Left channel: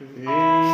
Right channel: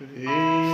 Hare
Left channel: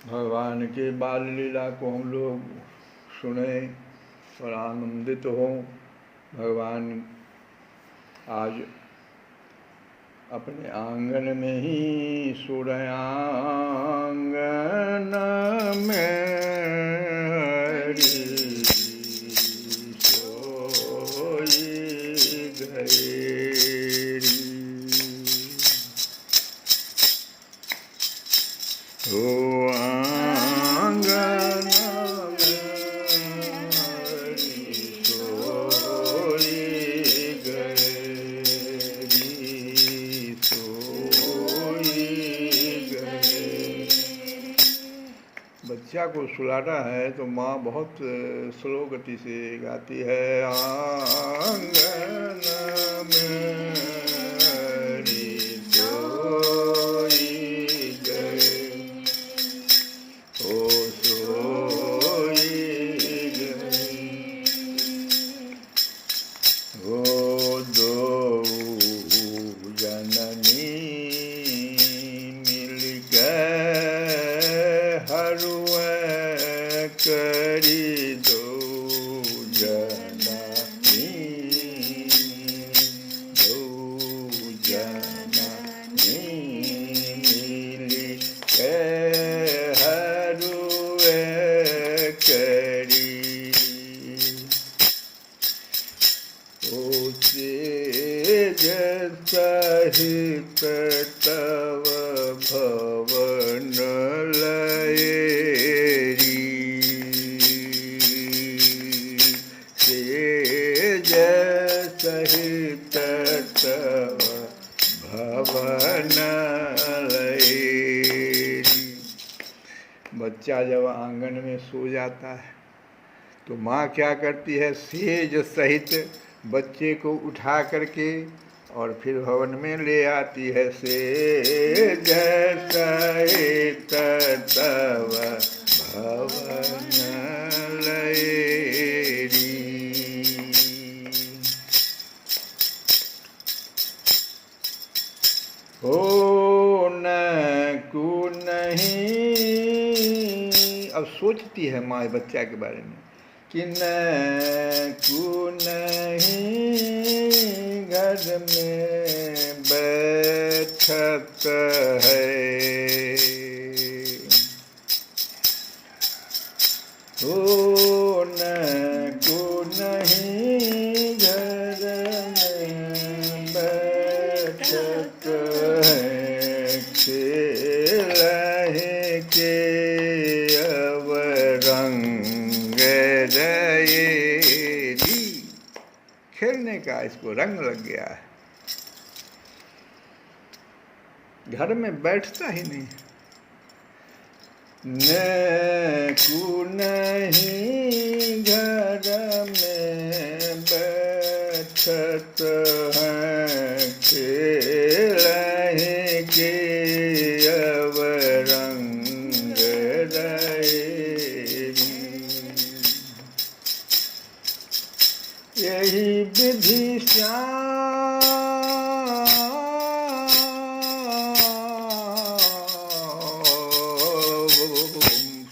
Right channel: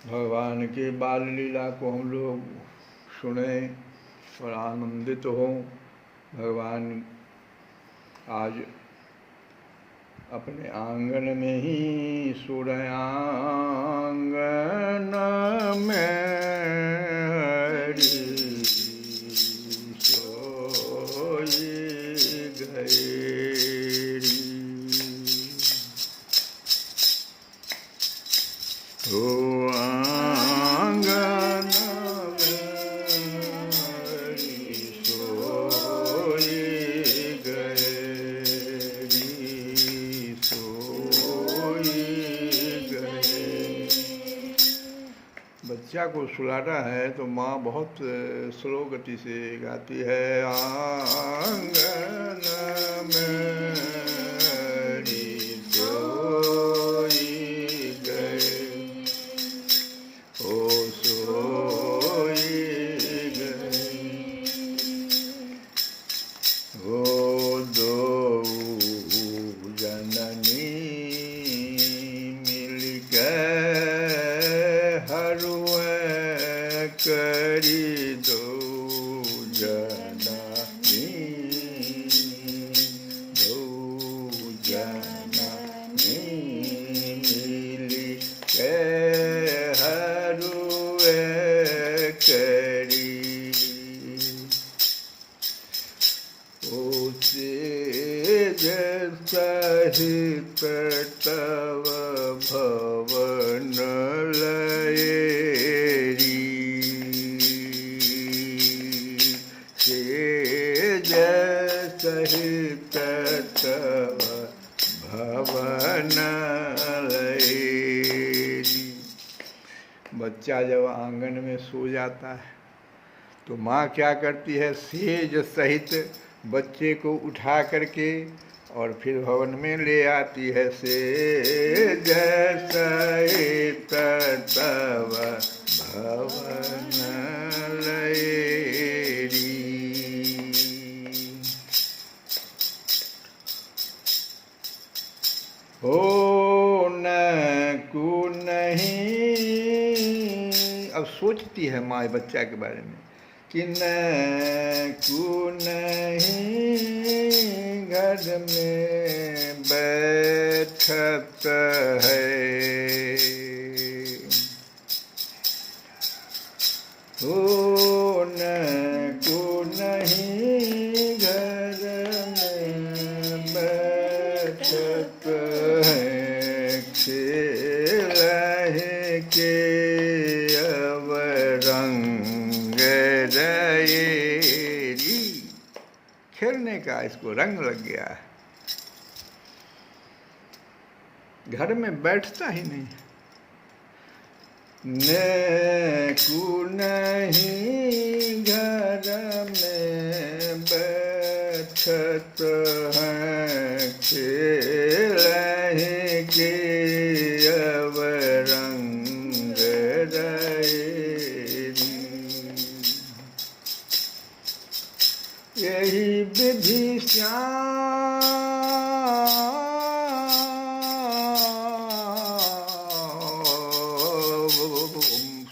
भगवान की बाल लीला को हम लोग सुने और आनंदित हों। भगवान आज अपने आंगन में ही सो रहे, आंगन में हरि सोई गए। ओ आंगन में हरि सोई गए, सोई गए। बच्चा को सुलाना है तो माँ बहुत स्लो गति से गाती है, आंगन में हरि सोई गए, ओ सोई गए। ओ दो जननी मिलकर हरुए करी, दो जननी, दो जननी मिलकर हरुए करी। ओ तेज सहित तव भवन लयरी, तेज सहित तव भवन लयरी। बच्चा जब आंगन में सो जाता है तो माँ क्या करती है, सेज सहित बच्चे को उठा करके और फिर भवन में ले आती है। सेज सहित तव भवन लयरी। हो न को नहीं, अब सोचती है माँ बच्चा के बारे में कि न को नहीं घर में बैठत है, ओ न को नहीं घर में बैठत है, खेल के अब रंग रही। खेलने का इसको रंग लग गया है, घर में बैठता ही नहीं। न को नहीं घर में बैठत है, खेल के अब रंग रही। यही विधि श्याम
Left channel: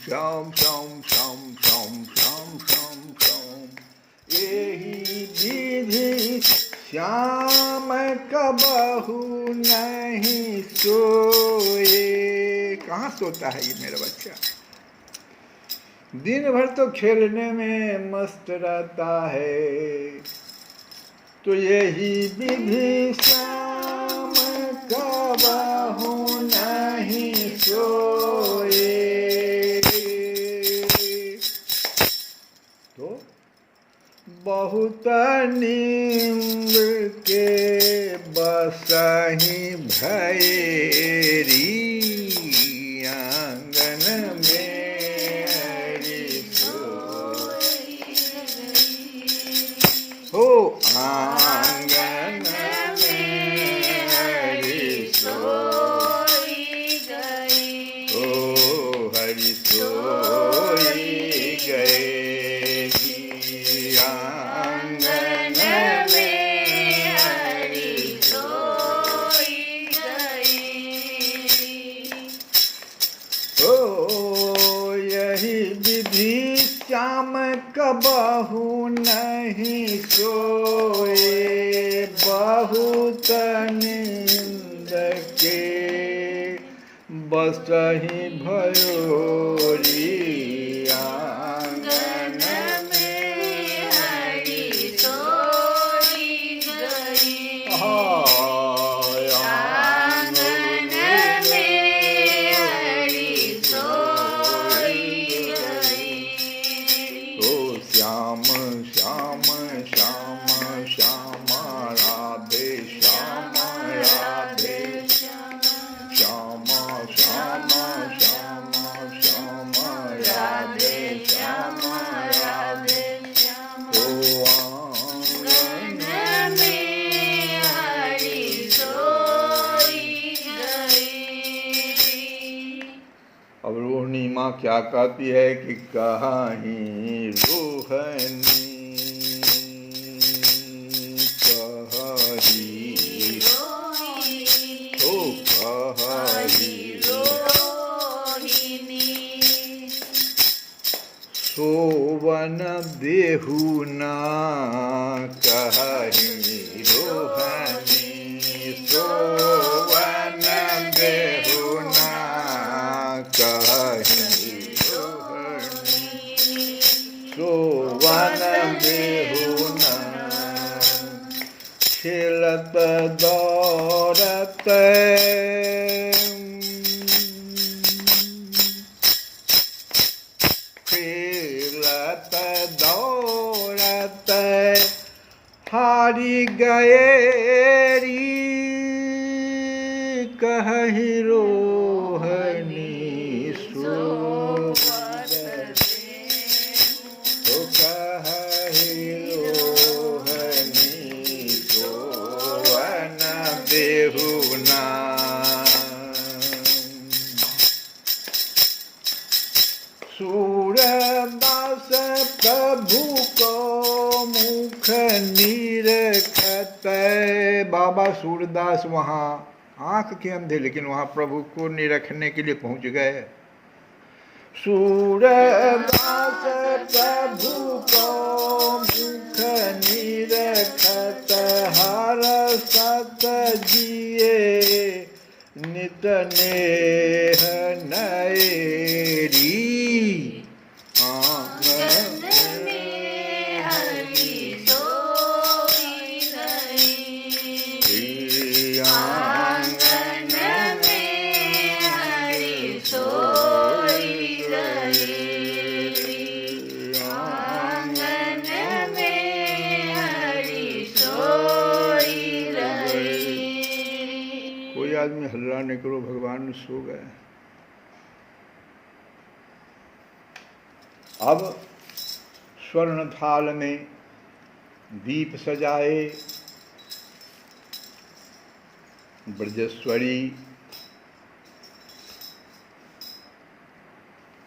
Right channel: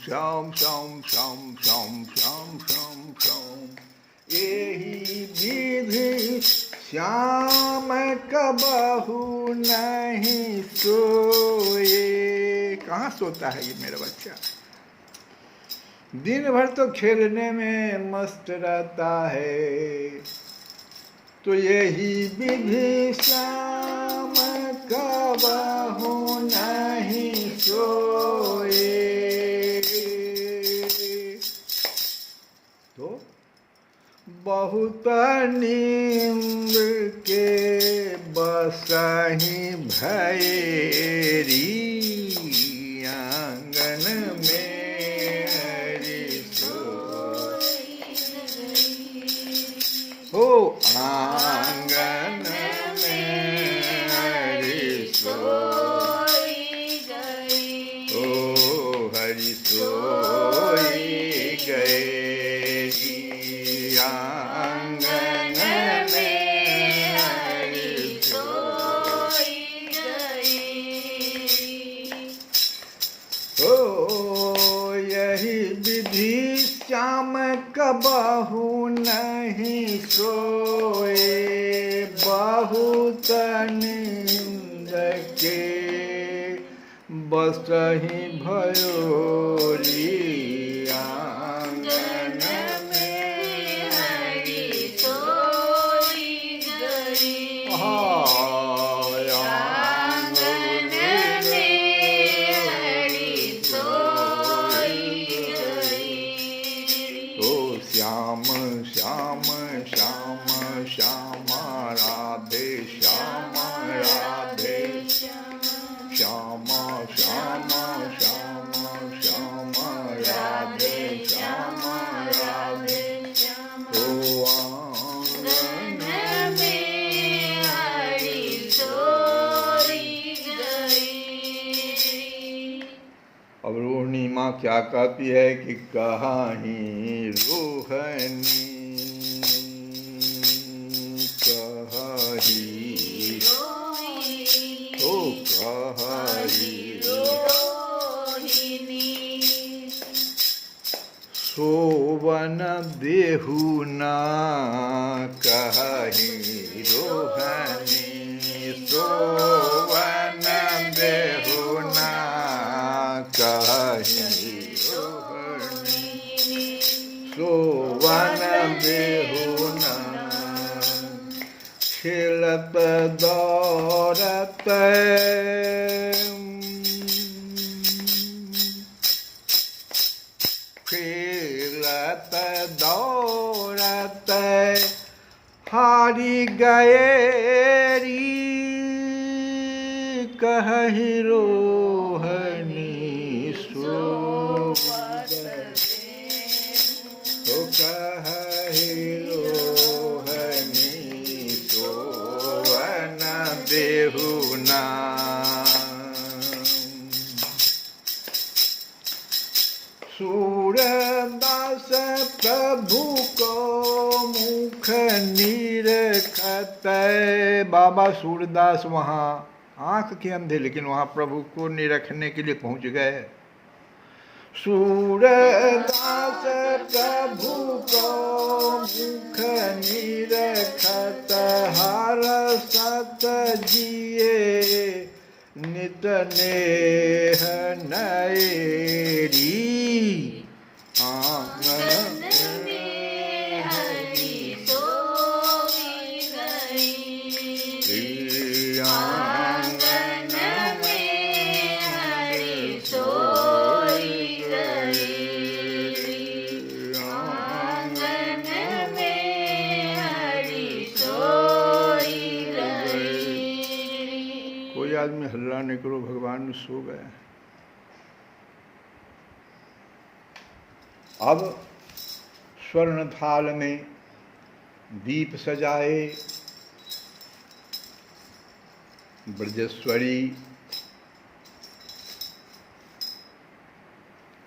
श्याम श्याम श्याम श्याम श्याम श्याम, यही विधि श्याम कबहू नहीं सोए। कहाँ सोता है ये मेरा बच्चा, दिन भर तो खेलने में मस्त रहता है। तो यही विधि श्याम कबहू नहीं सोए। तो बहुत नींद के बसही भैरी, आंगन में हरि सोई। हो आंगन में हरि सोई गए, ओ हरि सोई गए। आंगन में हरि सोई गए, ओ श्याम कबहु नहीं सोए, बहुत नींद के बसहि भयोरी आंगन में हरि सोई गई। आंगन में हरि सोई गई। ओ श्याम श्याम श्याम श्याम राधे श्याम राधे श्याम श्याम श्याम श्याम राधे श्याम राधे। ओ आंगन में हरि सोई गई। अब रोहिणी माँ क्या कहती है कि कहीं रोहनी कही तो कही सोवन देहु ना कही रोहनी, सोवन देहु ना कही रोहनी, सोवन देहु ना खेलत दौड़त खेलत दौड़त हारी गए री कहि रोहनी सो तो कहि रोहनी सोवन देहु ना। सूरदास प्रभु को मुख निरखत। बाबा सूरदास वहाँ आँख के अंधे लेकिन वहाँ प्रभु को निरखने के लिए पहुँच गए। सूरदास प्रभु को मुख निरखत, हर सत जिए नित नेह नएरी आंगन में हरि सोई गई। आंगन में हरि सोई गई। आंगन में हरि सोई गई। कोई आदमी हल्ला नहीं करो, भगवान सो गए। अब स्वर्ण थाल में दीप सजाए ब्रजेश्वरी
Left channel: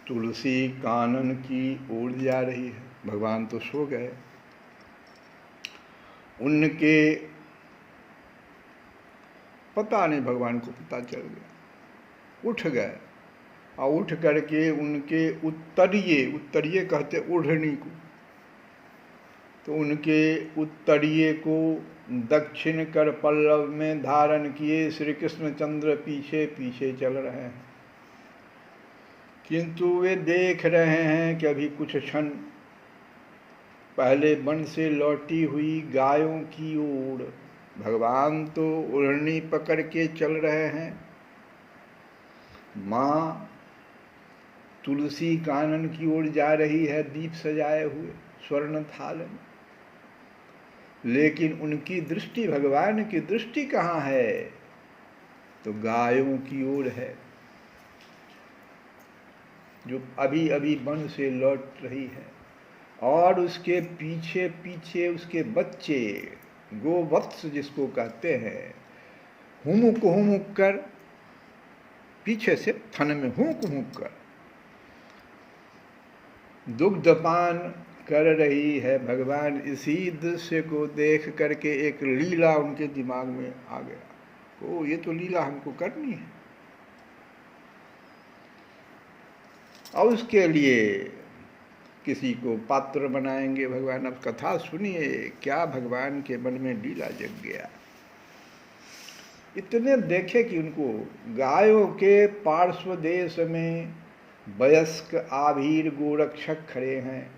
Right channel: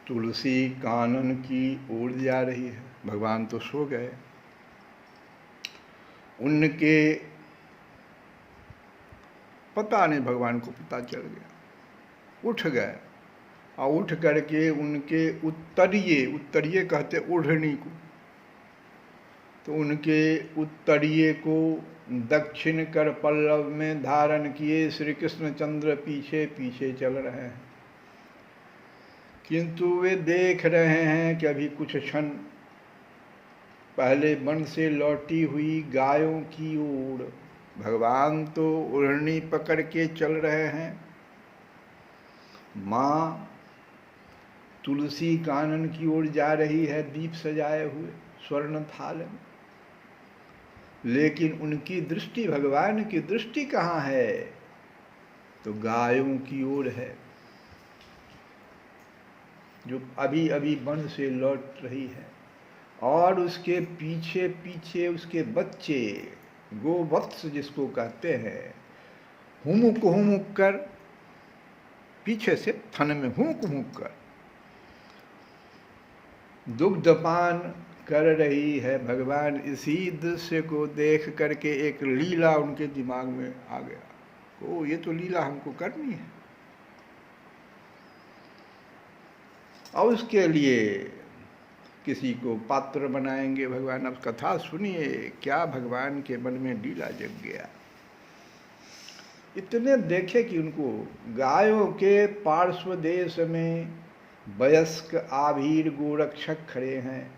तुलसी कानन की ओर जा रही है। भगवान तो सो गए। उनके पता नहीं, भगवान को पता चल गया, उठ गए और उठ करके उनके उत्तरीय कहते ओढ़नी को, तो उनके उत्तरीय को दक्षिण कर पल्लव में धारण किए श्री कृष्णचंद्र पीछे पीछे चल रहे हैं। किंतु वे देख रहे हैं कि अभी कुछ क्षण पहले वन से लौटी हुई गायों की ओर भगवान तो ओढ़नी पकड़ के चल रहे हैं। माँ तुलसी कानन की ओर जा रही है दीप सजाए हुए स्वर्ण थाल में, लेकिन उनकी दृष्टि, भगवान की दृष्टि कहाँ है? तो गायों की ओर है जो अभी अभी वन से लौट रही है, और उसके पीछे पीछे उसके बच्चे गोवत्स जिसको कहते हैं, हुमुक कर पीछे से थन में हुमुक कर दुग्धपान कर रही है। भगवान इसी दृश्य को देख करके एक लीला उनके दिमाग में आ गया, ओ ये तो लीला हमको करनी है। और उसके लिए किसी को पात्र बनाएंगे भगवान। अब कथा सुनिए, क्या भगवान के मन में लीला जग गया। इतने देखे कि उनको गायों के पार्श्व देश में वयस्क आभीर गोरक्षक खड़े हैं,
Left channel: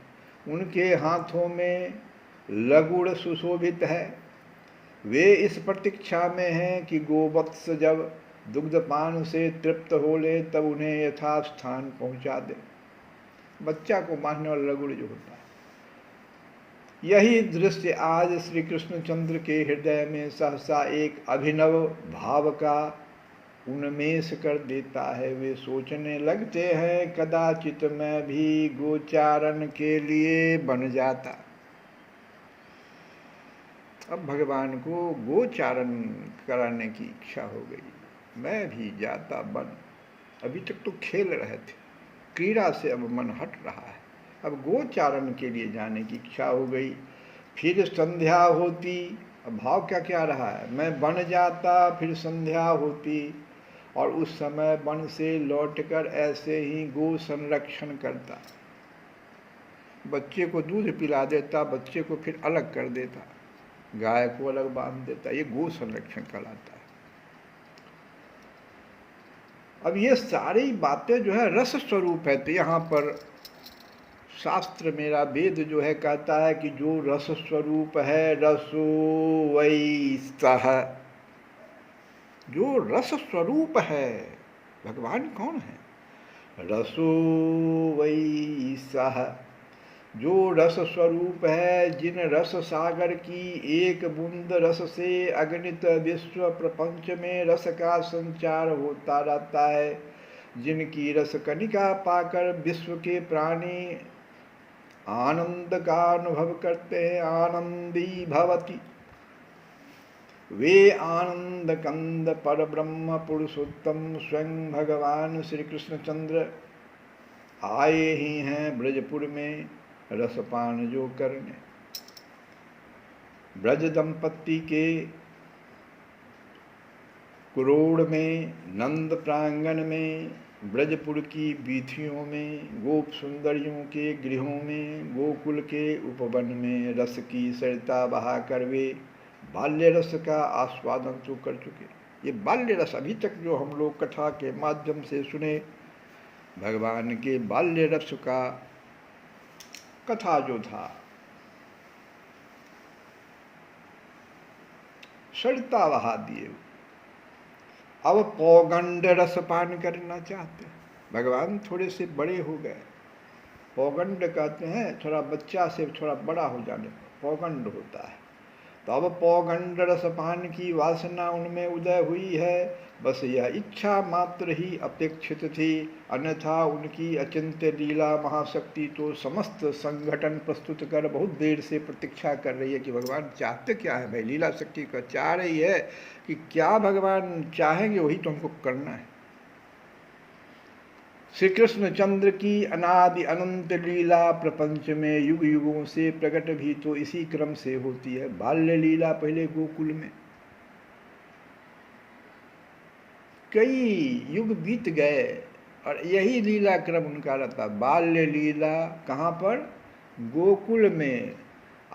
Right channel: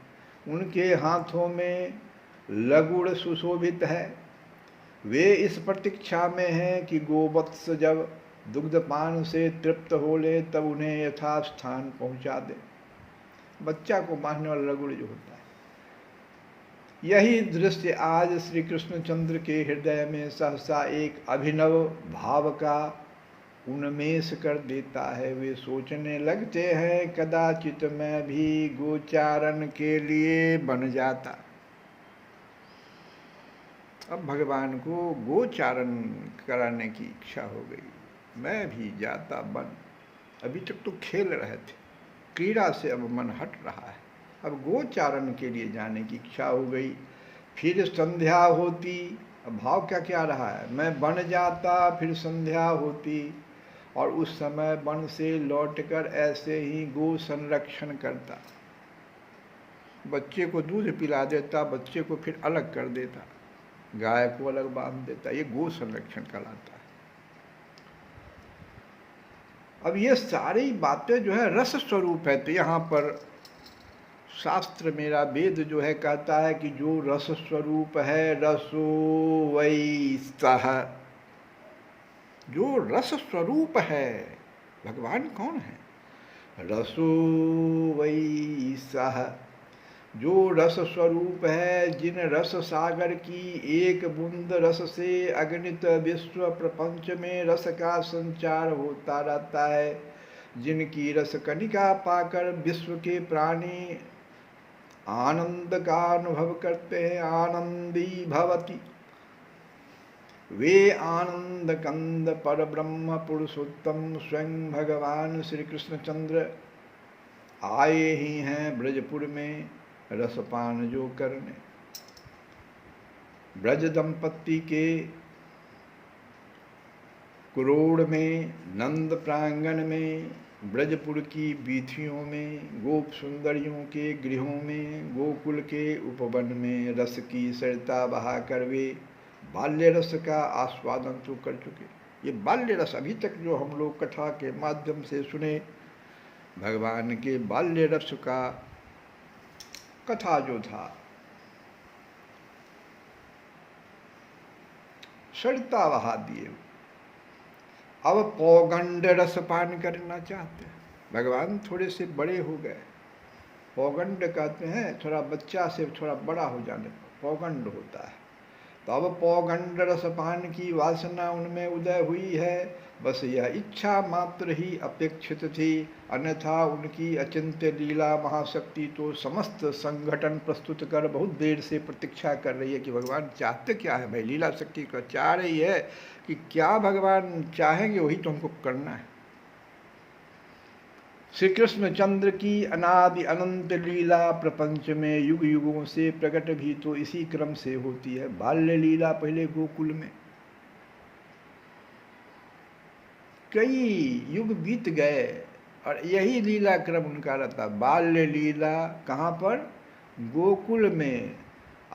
उनके हाथों में लगुड़ सुशोभित है। वे इस प्रतीक्षा में हैं कि गोवत्स जब दुग्धपान से तृप्त हो ले तब उन्हें यथास्थान पहुंचा दे। बच्चा को मारने वाला लगुड़ जो होता है, यही दृश्य आज श्री कृष्णचंद्र के हृदय में सहसा एक अभिनव भाव का उन्मेष कर देता है। वे सोचने लगते हैं कदाचित मैं भी गोचारण के लिए बन जाता। अब भगवान को गोचारण कराने की इच्छा हो गई, मैं भी जाता बन। अभी तक तो खेल रहे थे, क्रीड़ा से अब मन हट रहा है, अब गोचारण के लिए जाने की इच्छा हो गई। फिर संध्या होती, अब भाव क्या क्या रहा है, मैं बन जाता, फिर संध्या होती और उस समय वन से लौटकर ऐसे ही गो संरक्षण करता। बच्चे को दूध पिला देता, बच्चे को फिर अलग कर देता, गाय को अलग बांध देता। ये गो संरक्षण कहलाता है। अब ये सारी बातें जो है रस स्वरूप है। तो यहाँ पर शास्त्र मेरा वेद जो है कहता है कि जो रस स्वरूप है रसो वै सः। जो रस स्वरूप है, भगवान कौन है? रसो वै सः। जो रस स्वरूप है, जिन रस सागर की एक बूंद रस से अगणित विश्व प्रपंच में रस का संचार होता रहता है, जिनकी रस कणिका पाकर विश्व के प्राणी आनंद का अनुभव करते हैं, आनंदी भवति। वे आनंद कंद पर ब्रह्म पुरुषोत्तम स्वयं भगवान श्री कृष्णचंद्र आए ही हैं ब्रजपुर में रसपान जो करने। ब्रज दंपत्ति के कुरोड़ में, नंद प्रांगण में, ब्रजपुर की वीथियों में, गोप सुंदरियों के गृहों में, गोकुल के उपवन में रस की सरिता बहा कर वे बाल्य रस का आस्वादन तो कर चुके। ये बाल्य रस अभी तक जो हम लोग कथा के माध्यम से सुने, भगवान के बाल्य रस का कथा जो था, सरिता बहा दिए। अब पौगंड रस पान करना चाहते हैं। भगवान थोड़े से बड़े हो गए, पौगंड कहते हैं थोड़ा बच्चा से थोड़ा बड़ा हो जाने पर पौगंड होता है। तो अब पौगंड रस पान की वासना उनमें उदय हुई है। बस यह इच्छा मात्र ही अपेक्षित थी, अन्यथा उनकी अचिंत्य लीला महाशक्ति तो समस्त संगठन प्रस्तुत कर बहुत देर से प्रतीक्षा कर रही है कि भगवान चाहते क्या है। भाई लीला शक्ति का चाह रही है कि क्या भगवान चाहेंगे वही तो हमको करना है। श्री कृष्णचंद्र की अनादि अनंत लीला प्रपंच में युग युगों से प्रकट भी तो इसी क्रम से होती है। बाल्य लीला पहले गोकुल में, कई युग बीत गए और यही लीला क्रम उनका रहता। बाल्य लीला कहाँ पर? गोकुल में।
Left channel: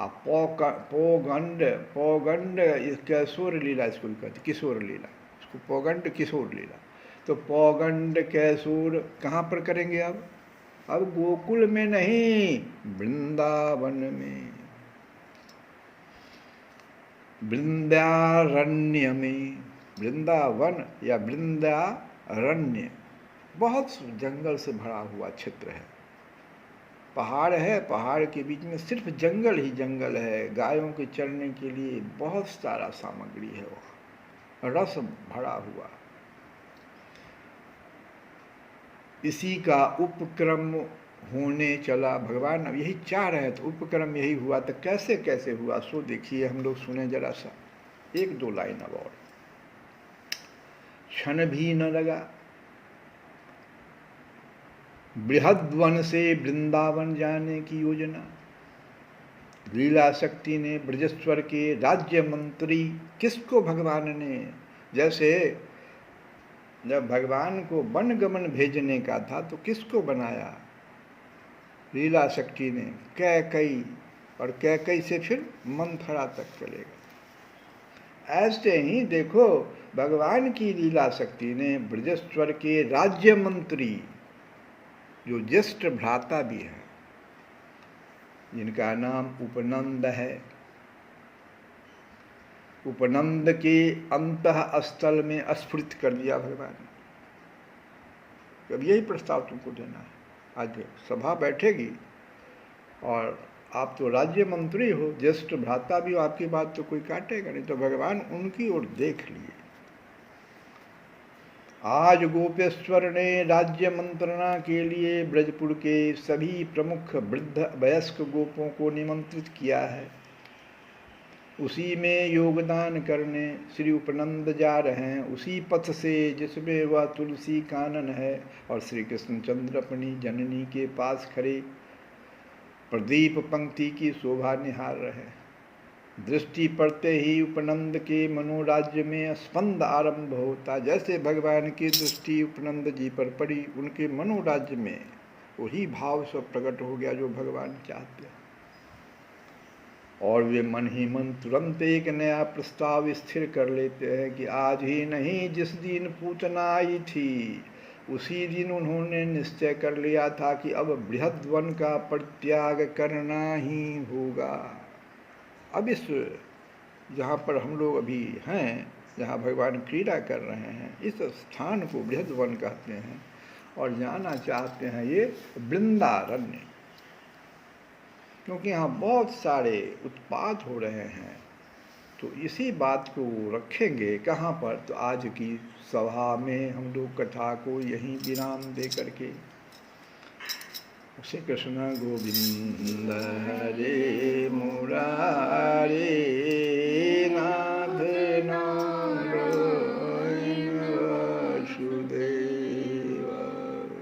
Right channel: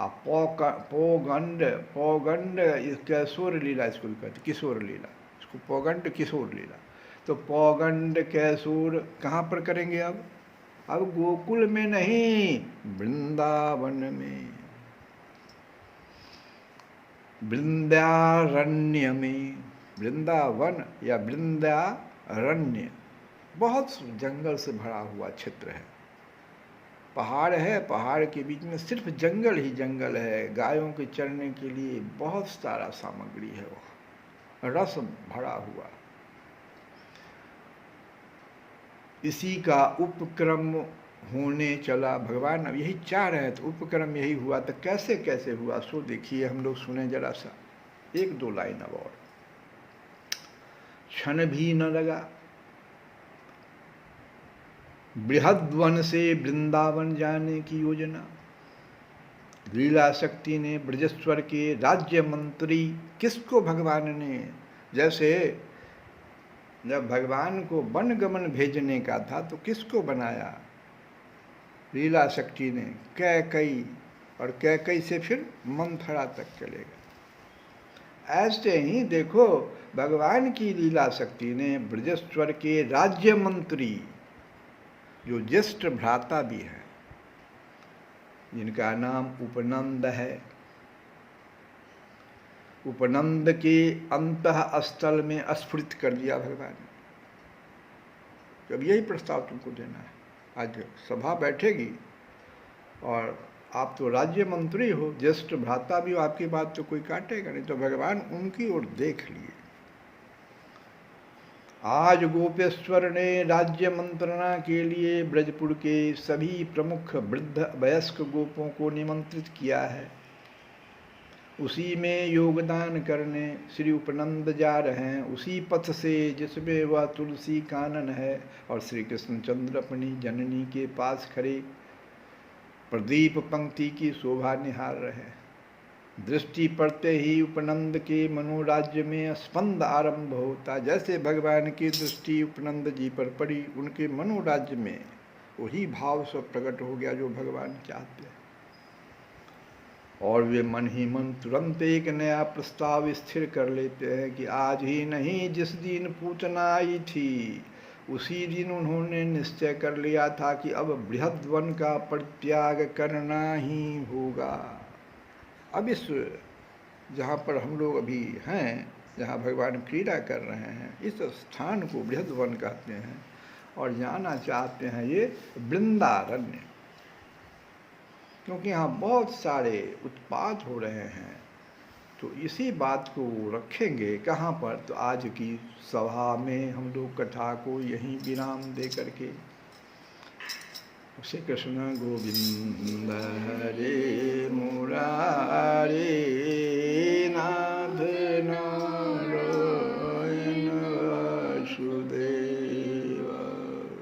पौगंड, पौगंड किशोर लीला इसको कहते, किशोर लीला, इसको पौगंड किशोर लीला। तो पौगंड किशोर कहाँ पर करेंगे अब गोकुल में नहीं, वृंदावन में, वृंदारण्य में। वृंदावन या वृंदारण्य बहुत जंगल से भरा हुआ क्षेत्र है। पहाड़ है, पहाड़ के बीच में सिर्फ जंगल ही जंगल है। गायों के चरने के लिए बहुत सारा सामग्री है, वहाँ रस भरा हुआ। इसी का उपक्रम होने चला। भगवान अब यही चाह रहे हैं, तो उपक्रम यही हुआ। तो कैसे कैसे हुआ सो देखिए, हम लोग सुने जरा सा, एक दो लाइन अब और। क्षण भी न लगा, बृहद्वन से वृंदावन जाने की योजना। लीला शक्ति ने ब्रजेश्वर के राज्य मंत्री, किसको भगवान ने, जैसे जब भगवान को वन गमन भेजने का था तो किसको बनाया? लीला शक्ति ने कैकई, और कैकई से फिर मंथरा तक चलेगा। ऐसे ही देखो भगवान की लीला शक्ति ने ब्रजेश्वर के राज्य मंत्री, जो ज्येष्ठ भ्राता भी हैं, जिनका नाम उपनंद है, उपनंद के अंतः स्थल में स्फुरित कर दिया भगवान। अब यही प्रस्ताव तुमको देना है। आज सभा बैठेगी और आप तो राज्य मंत्री हो, ज्येष्ठ भ्राता भी हो, आपकी बात तो कोई काटेगा नहीं, तो भगवान उनकी ओर देख लिए। आज गोपेश्वर ने राज्य मंत्रणा के लिए ब्रजपुर के सभी प्रमुख वृद्ध वयस्क गोपों को निमंत्रित किया है। उसी में योगदान करने श्री उपनंद जा रहे हैं, उसी पथ से जिसमें वह तुलसी कानन है और श्री कृष्णचंद्र अपनी जननी के पास खड़े प्रदीप पंक्ति की शोभा निहार रहे। दृष्टि पड़ते ही उपनंद के मनोराज्य में स्पंद आरंभ होता। जैसे भगवान की दृष्टि उपनंद जी पर पड़ी, उनके मनोराज्य में वही भाव सब प्रकट हो गया जो भगवान चाहते हैं। और वे मन ही मन तुरंत एक नया प्रस्ताव स्थिर कर लेते हैं कि आज ही नहीं, जिस दिन पूतना आई थी उसी दिन उन्होंने निश्चय कर लिया था कि अब बृहद वन का परित्याग करना ही होगा। अब इस जहाँ पर हम लोग अभी हैं, जहाँ भगवान क्रीड़ा कर रहे हैं, इस स्थान को बृहद वन कहते हैं और जाना चाहते हैं ये वृंदारण्य, क्योंकि यहाँ बहुत सारे उत्पात हो रहे हैं। तो इसी बात को रखेंगे कहाँ पर, तो आज की सभा में हम लोग कथा को यहीं विराम दे करके श्री कृष्ण गोविंद हरे मुरारे